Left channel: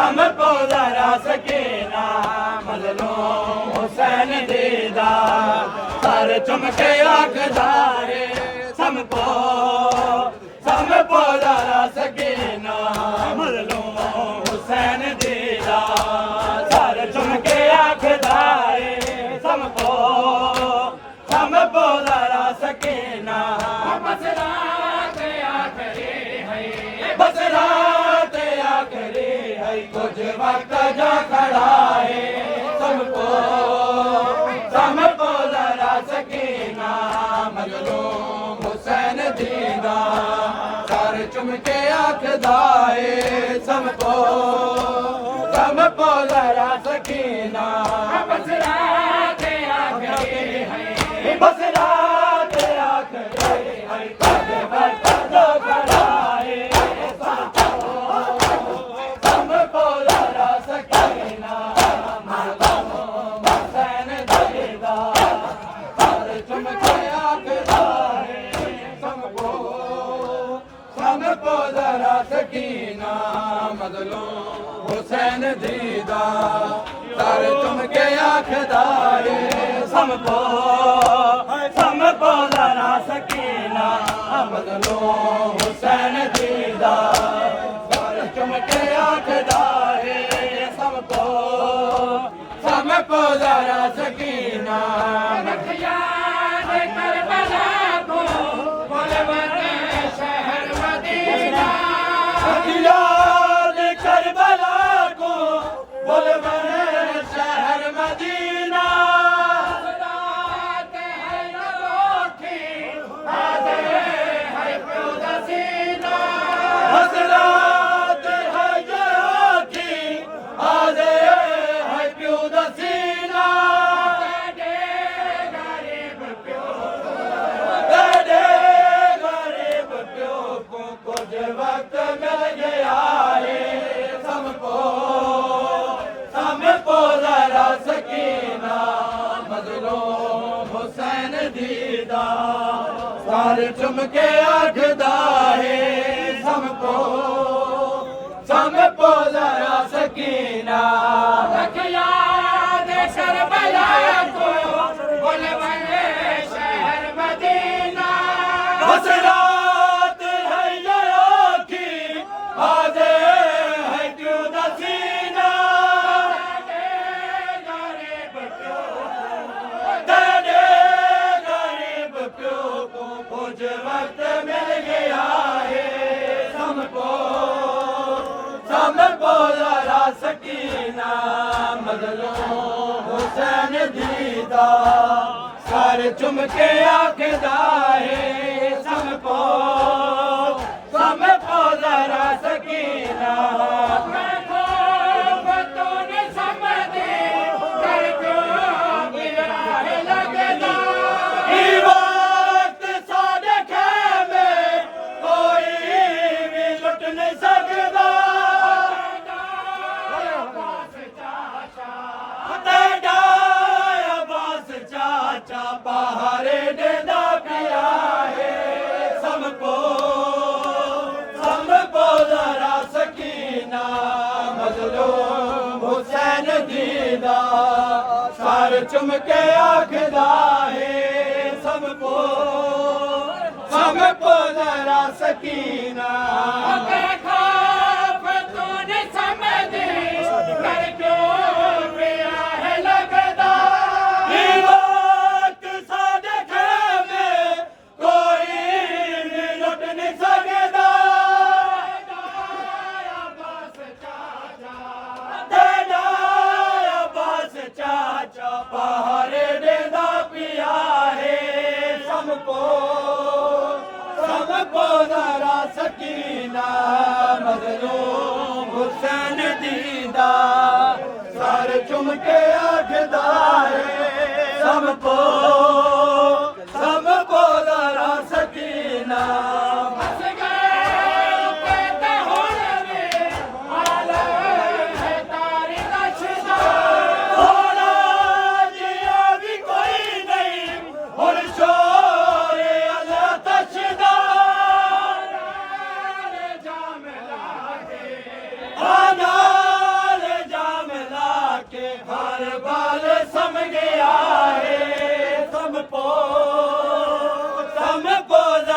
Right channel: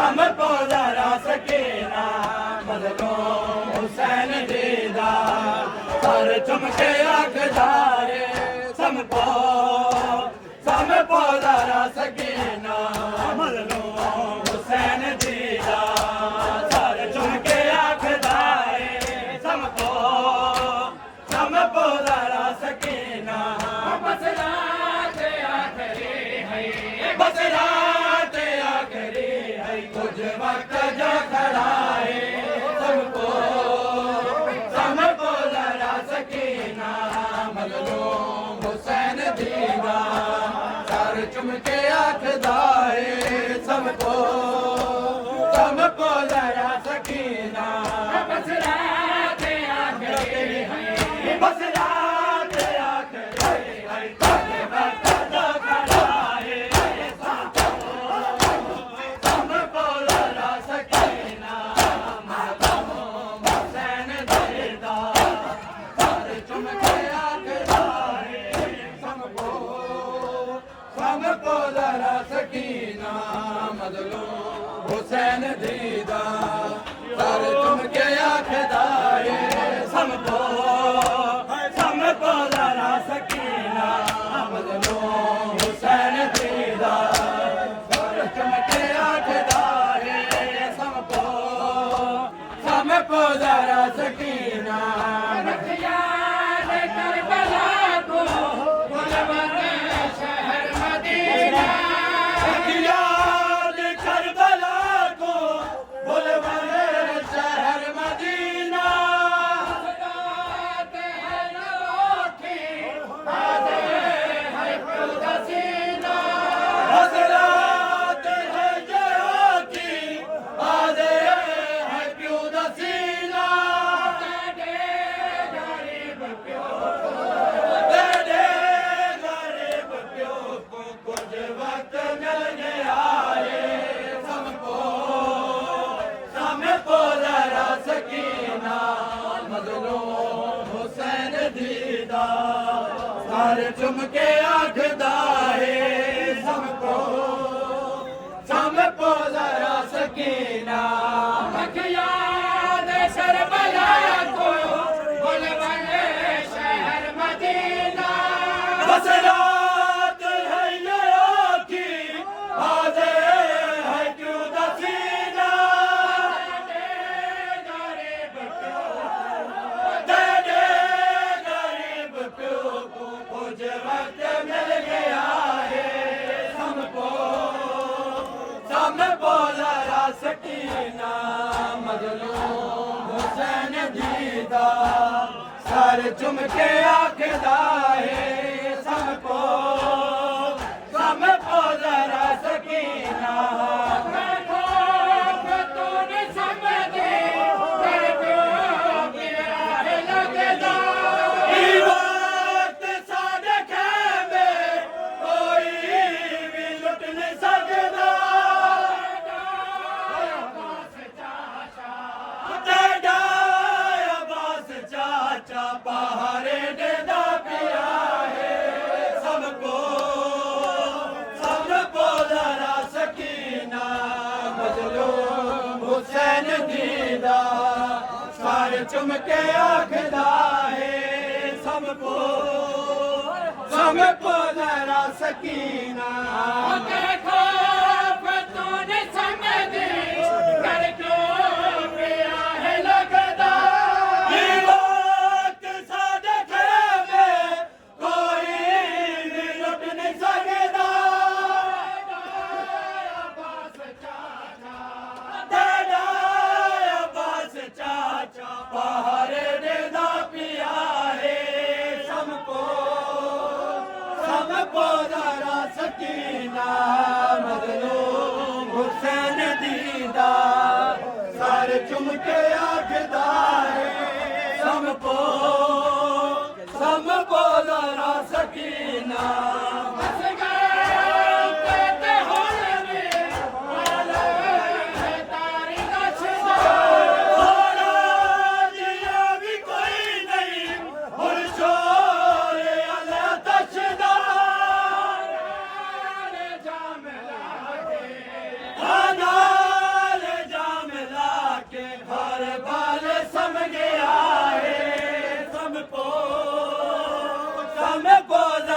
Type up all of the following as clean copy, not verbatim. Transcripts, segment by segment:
हमको जरा सकीना मजलूम हुसैन दीदा सर चुमके आखदारे हमको जरा सकीना मजलूम हुसैन दीदा सर चुमके आखदारे हमको जरा सकीना बसरात आखिरी है कुछ वक्त जो खड़ा है हमको जरा सकीना मजलूम हुसैन दीदा सर चुमके आखदा है सबको जरा सकीना बसरात आखिरी है बसरात आखिरी है कुछ वक्त जो खड़ा है हमको जरा सकीना मजलूम हुसैन दीदा सर चुमके आखदा है सबको जरा सकीना मजलूम हुसैन दीदा सर चुमके आखदा है सबको जरा सकीना मजलूम हुसैन दीदा सर चुमके आखदा है सबको जरा सकीना याद करबला को बुलबुल शहर मदीना हज़रात है जो की आदे है प्यो दसीना दे गरीब प्यो कुछ वक्त मिल गया है हमको जरा सकीना मजलूम हुसैन दीदा सर चुमके आखदा है हमको जरा सकीना याद करबला को बुलबुल शहर मदीना बसरात है जो की आदे है क्यों दसीना गरीब प्यो को कुछ वक्त मिल गया है हमको जरा सकीना मजलूम हुसैन दीदा सर चुमके आखदा है सबको जरा सकीना पहाड़े देदा पिया है सबको जरा सकीना मजलूम हुसैन दीदा सर चुमके आखदा है सबको जरा सकीना पहाड़े देदा पिया है सबको जरा सकीना मजलूम हुसैन दीदा सर चुमके आखदा है सबको जरा सकीना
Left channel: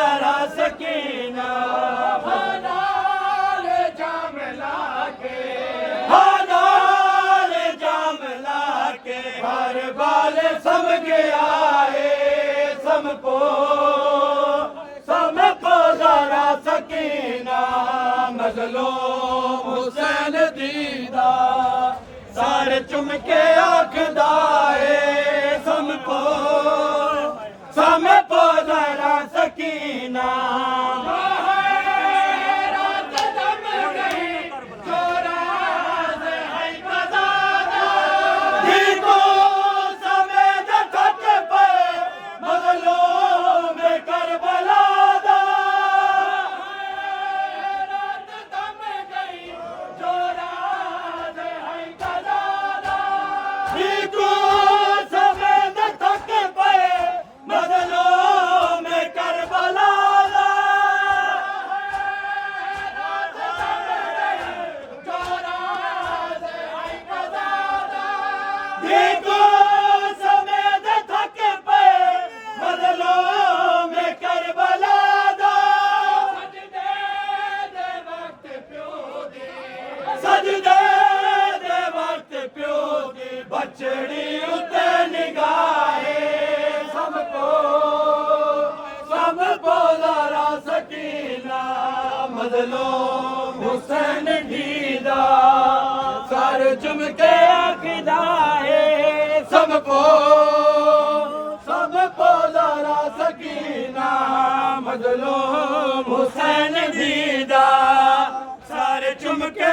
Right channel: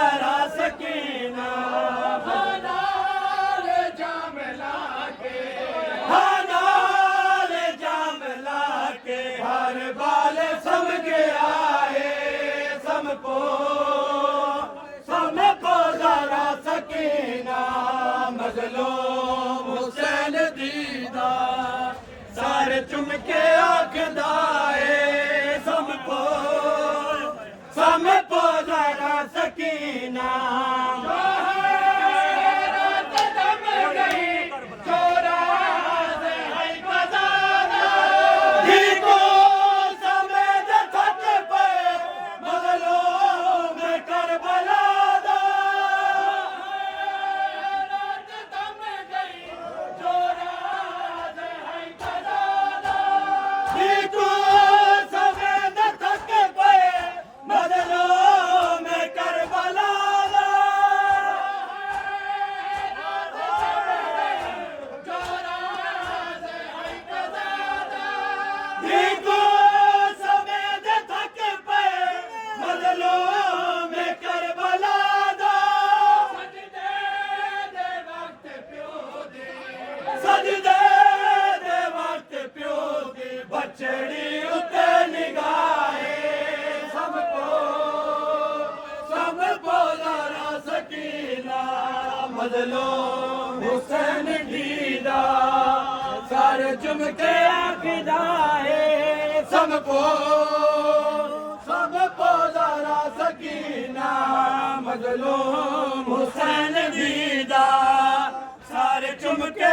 जरा सकीना नाल जाम लाके नाल जाम लाके हर बाल सम गया है समको जरा सकीना मजलूम हुसैन दीदा सारे चुमके आखदा है समको जरा सकीना रात दम गई चोरा से है कदाना देखो समेत खत पे मजलूम करबला दा रात दम गई चोरा से है कदाना देखो समेत खत पे मजलूम करबला दा रात दम गई चोरा से है कदाना देखो समेत थक पे मजलूम करबला दा सजदे दे वक्त प्यो दी बचड़ी उते निगाहे सबको जरा सकीना मजलूम हुसैन दीदा सर चुमके आखदा है सबको जरा सकीना मजलूम हुसैन दीदा सर चुमके